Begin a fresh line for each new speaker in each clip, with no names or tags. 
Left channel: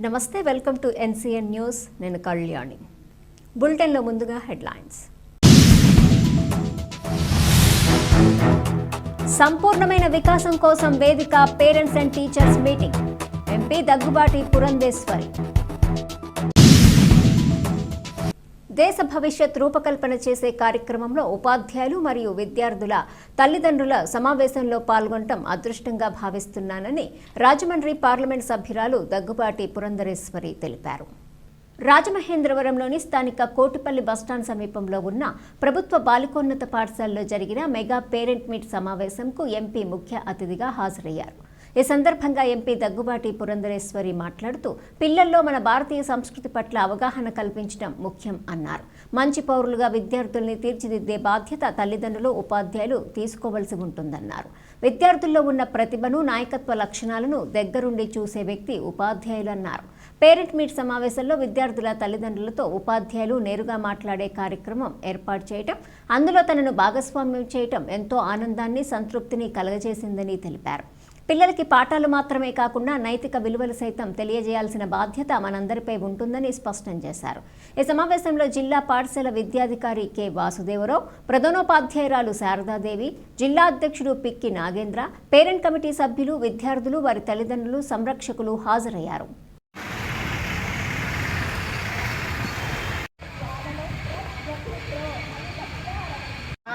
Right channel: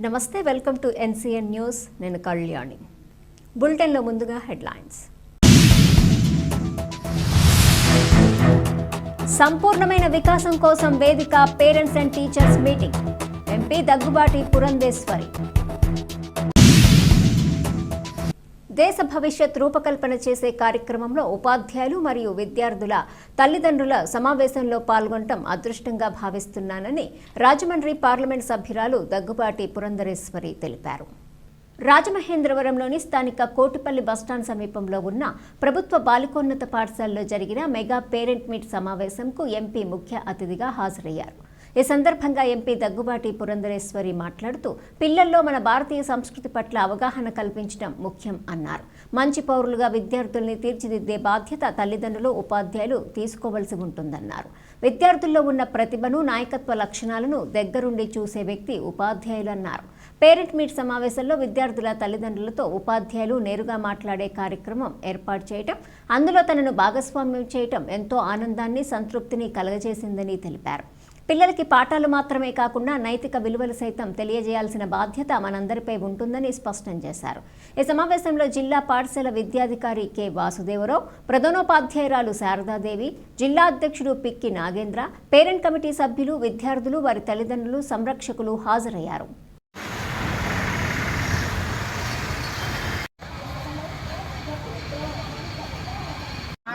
నమస్తే welcome to NCN news. నేను కళ్యాణి. బులెటిన్లో ముందుగా హెడ్లైన్స్. సంపూర్ణమైన వికాసం కోసం వేదిక parents and teachers meeting. MP Daggubati Purandeswari. దేశ భవిష్యత్ రూపకల్పన చేసే కార్యక్రమంలో ఉపాధ్యాయులు మరియు విద్యార్థుల తల్లిదండ్రుల సమావేశంలో పాల్గొనడం అదృష్టంగా భావిస్తున్నానని రాజమండ్రి పార్లమెంట్ సభ్యురాలు దగ్గుబాటి పురంధరేశ్వరి తెలిపారు. రాజమహేంద్రవరంలోని స్థానిక కోటిపల్లి బస్టాండ్ సమీపంలో ఉన్న ప్రభుత్వ బాలికోన్నత పాఠశాలలో జరిగిన మెగా పేరెంట్ మీట్ సమావేశంకు ఎంపీ ముఖ్య అతిథిగా హాజరయ్యారు. ఈ సందర్భంగా ఎంపీ దగ్గుబాటి పురంధరేశ్వరి మాట్లాడుతూ పిల్లల్లో మన భారతీయ సంస్కృతి పట్ల అవగాహన కల్పించడం ముఖ్యం అన్నారు. మంచి పౌరులుగా విద్యార్థుల్ని తీర్చిదిద్దే బాధ్యత తల్లిదండ్రులు ఉపాధ్యాయులు తీసుకోవలసి ఉంటుందన్నారు. విద్యార్థుల్లో ఉన్న ప్రతిభను నాయకత్వ లక్షణాలను దగ్గరుండి చూసే వ్యక్తి ఉపాధ్యాయులు అన్నారు. పేరెంట్ మీట్ సమావేశంలో విద్యార్థుల తల్లిదండ్రులతో ఉపాధ్యాయులు నేరుగా మాట్లాడే కార్యక్రమం ఏర్పాటు చేయటం అందులో తనను భాగస్వామ్యం చేయటం ఎంతో ఆనందాన్ని సంతృప్తిని కలగజేసిందని తెలిపారు. పిల్లలకి పాఠాలు మాత్రమే కాకుండా నైతిక విలువలు సైతం తెలియజేయాల్సిన బాధ్యత మనందరిపై ఉంటుందని స్పష్టం చేశారు. ఈ సమావేశంలో జిల్లా పాఠశాల విద్యాధికారి కె. వాసుదేవరావు ప్రధానోపాధ్యాయురాలు శారదాదేవి జిల్లా అధ్యక్షుడు పిక్కి నాగేంద్ర పేరెంట్ కమిటీ సభ్యులు విద్యార్థులు వారి తల్లిదండ్రులు సంరక్షకులు హాజరయ్యారు.
ఆ,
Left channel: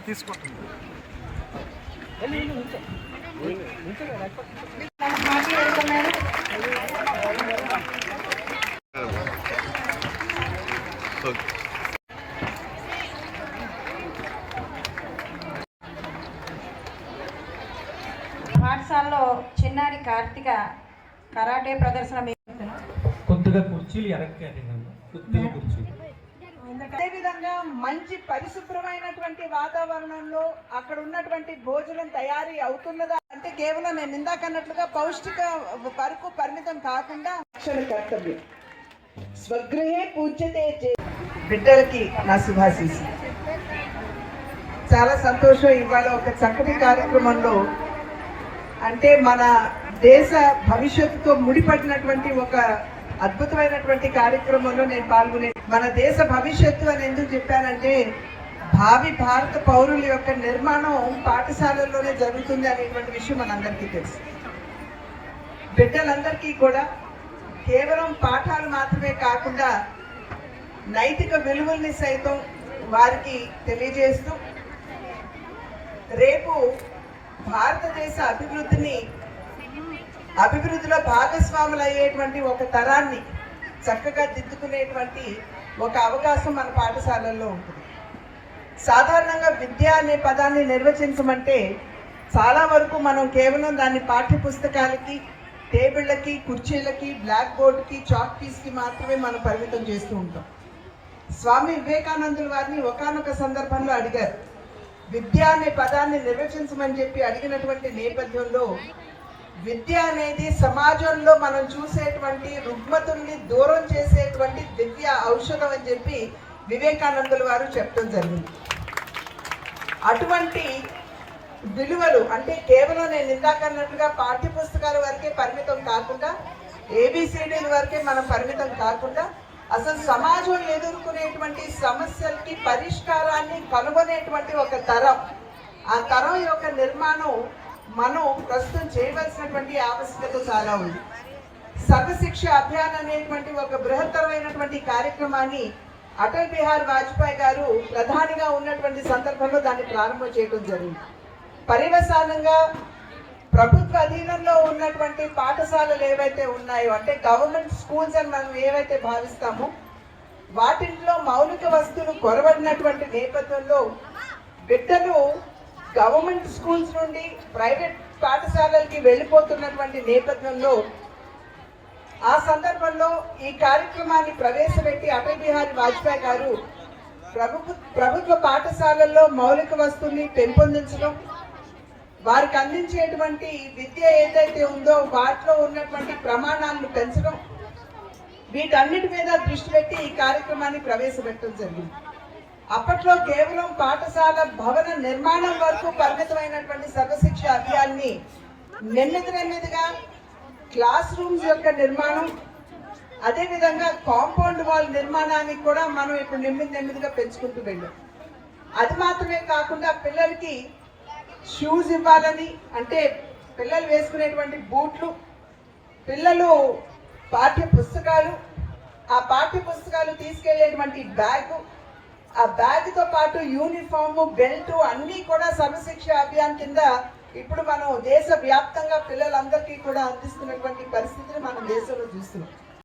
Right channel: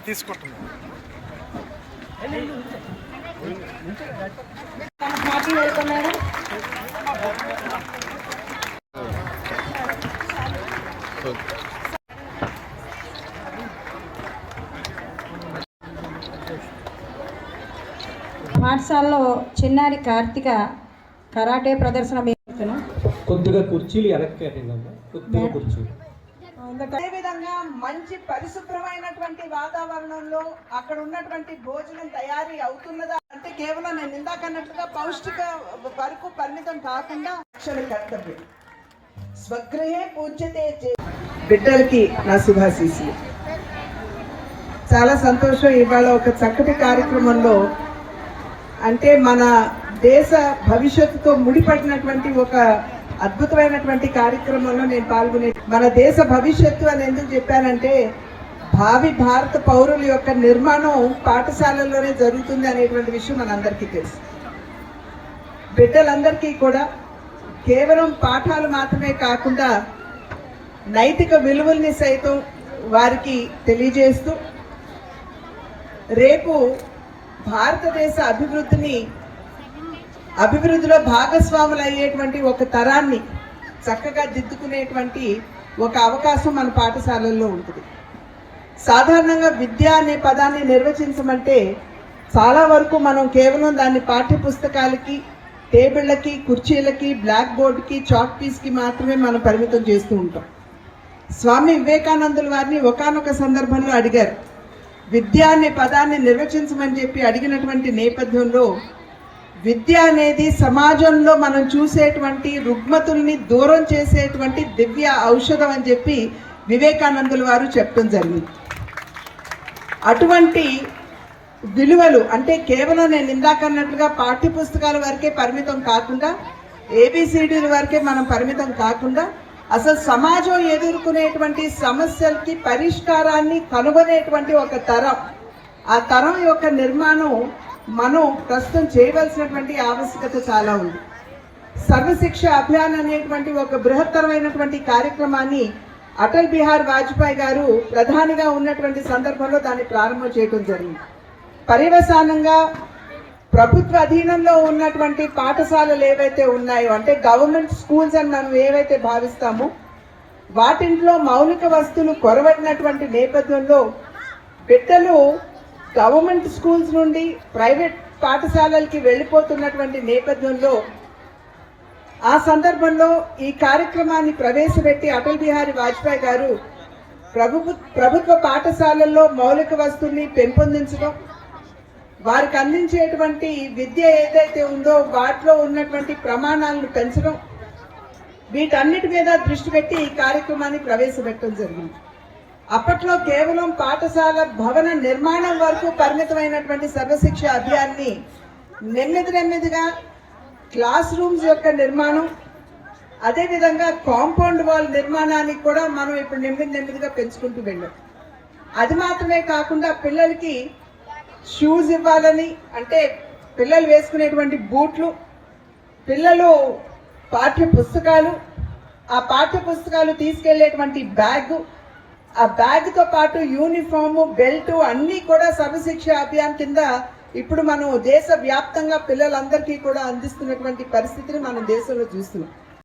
తీసుకుంటున్నాను
పాఠశాలలో చిన్నారి కార్తిక కరాటే ప్రదర్శన
కొద్దిగా కుర్చీలు వెనక్కి. కొద్దిగా కుర్చీలు.
అదేవిధంగా మంచి పరిశుభ్రమైనటువంటి వాతావరణంలో అక్కడ ఉన్నటువంటి భోజనం తయారీ అవుతున్నదా? అంటే కేవలం నేను ఇందాక అన్నట్లుగా పౌష్టిక వరకు పరిమితం కాకుండా కర్తవ్యం. స్వగృహే పూజ్యతే చే- బిడ్డలకి నా శుభాశీసి చాలా సంతోషం ఇవాళ ఒక చక్కటి కార్యక్రమంలో అంటే మన దేశ భవిష్యత్తుతో ముడిపడినటువంటి ఒక అద్భుతమైనటువంటి కార్యక్రమంలో నేను పాల్గొనే మన దేశ భవిష్యత్తు అని ఎందుకు చెప్పానంటే భావి భారత పౌరుల యొక్క నిర్మాణం పాఠశాలల్లోనే జరుగుతుంది అనేటువంటి విషయం మనందరికీ తెలుసు. బిడ్డలందరికీ కూడా కేవలం పాఠాలు మాత్రమే కాకుండా నైతిక విలువల్ని సైతం వారికి తెలియజేస్తూ రేపు భారతదేశ అభివృద్ధిని అభివృద్ధిలో భాగస్వాములు అయ్యేటువంటి ఒక తరాన్ని చక్కగా దిద్దుకునేటువంటి ఒక అవకాశం మన పాఠశాలల్లో ఉంటుంది. సాధారణంగా విద్య అనే పదాన్ని నిర్వచించమంటే చాలా వరకు మనం కేవలం దాన్ని పాఠ్య పుస్తకాలకి టేబుళ్ళకి కుర్చీలకి బ్లాక్ బోర్డుకి చాక్ పీస్కి మాత్రమే మనం పరిమితం చేస్తూ ఉంటాం. స్వామి వివేకానందుల వారిని ఒకానొక సందర్భంలో అడిగారు. విద్య అనే పదాన్ని నిర్వచించమని చెప్పి అడిగినటువంటి నేపథ్యంలో విద్య అనేది సమాజంలో మనం చూసేటువంటి రుగ్మతుల్ని దూరం చేసేటువంటి దివ్య ఔషధం అని చెప్పి వివేకానందుల వారు చెప్పడం జరిగింది. అటువంటి విలువలు అంటే కేవలం నేను ఇందాక అన్నట్లుగా పాఠ్య పుస్తకాల వరకే పరిమితం కాకుండా ఏబిసిడీల వరకే మనం పరిమితం కాకుండా అసలు సమాజం ఎదుర్కొనేటువంటి సమస్యలకి పరిష్కారాన్ని కనుగొనేటువంటి ఒక తరం. ఆ తరం యొక్క నిర్మాణం మనం ప్రస్తుతం చేయవలసినటువంటి ఆవశ్యకత చాలా ఉంది. సర్వశిక్ష అభియాన్ అనేటువంటి ఒక బృహత్తరమైనటువంటి కార్యక్రమాన్ని అటల్ బిహార్ వాజ్పేయి గారు ప్రధానిగా ఉన్నటువంటి సందర్భంలో దాన్ని ప్రారంభం చేయడం జరిగింది. పర్యవసానంగా ప్రభుత్వ అధీనంలో ఉన్నటువంటి పాఠశాలలు ఏవైతే ఉన్నాయో అంటే గవర్నమెంట్ స్కూల్స్ అని మనం ఏవైతే భావిస్తామో వాటింట్లో మౌలిక వస్తువులు కొరబడినటువంటి నేపథ్యంలో బిడ్డలు గవర్నమెంట్ స్కూల్స్ నుండి ప్రైవేట్ పాఠశాలలకి వెళ్ళిపోతున్నటువంటి నేపథ్యంలో ఆ సందర్భంలో ఈ కార్యక్రమాన్ని ప్రవేశపెట్టి అటల్ బిహారీ వాజ్పేయి గారు ప్రభుత్వ ప్రభుత్వ పాఠశాలల్లో మౌలిక వస్తువుల్ని పెంపొందించడం వారికి అందించేటువంటి విద్య ఏదైతే ఉందో వాటిలో ఉన్నటువంటి ప్రమాణాలను పెంచడం వీటన్నిటి మీద దృష్టి పెట్టి ఈ కార్యక్రమాన్ని ప్రవేశపెట్టడం జరిగింది. అప్పట్లో కేవలం పాఠశాల భవన నిర్మాణం వరకు పరిమితమైనటువంటి సర్వశిక్ష అభియాన్ని నెమ్మది నెమ్మదిగా క్లాస్ రూమ్స్ యొక్క నిర్మాణం అదేవిధంగా కాంపౌండ్ వాల్ నిర్మాణానికి కూడా మనం ఇప్పుడు నెమ్మది నెమ్మదిగా పెంచుకుంటూ వెళ్ళాం. అది మాత్రమే కాకుండా పిల్లలకి షూస్ ఇవ్వాలని అంటే పిల్లలు వేసుకునేటువంటి బూట్లు పిల్లలు పాఠ్య పుస్తకాలు ఆ పాఠ్య పుస్తకాలు తీసుకెళ్ళేటువంటి బ్యాగ్ ఆ బ్యాగ్తో పాటు యూనిఫామ్ బెల్ట్ అన్నీ కూడా సర్వశిక్ష అభియాన్ కింద ఇప్పుడు మనం దేశ వ్యాప్తంగా పిల్లలందరికీ కూడా అందిస్తున్నటువంటి పరిస్థితిని మనం దేశంలో చూస్తున్నాం.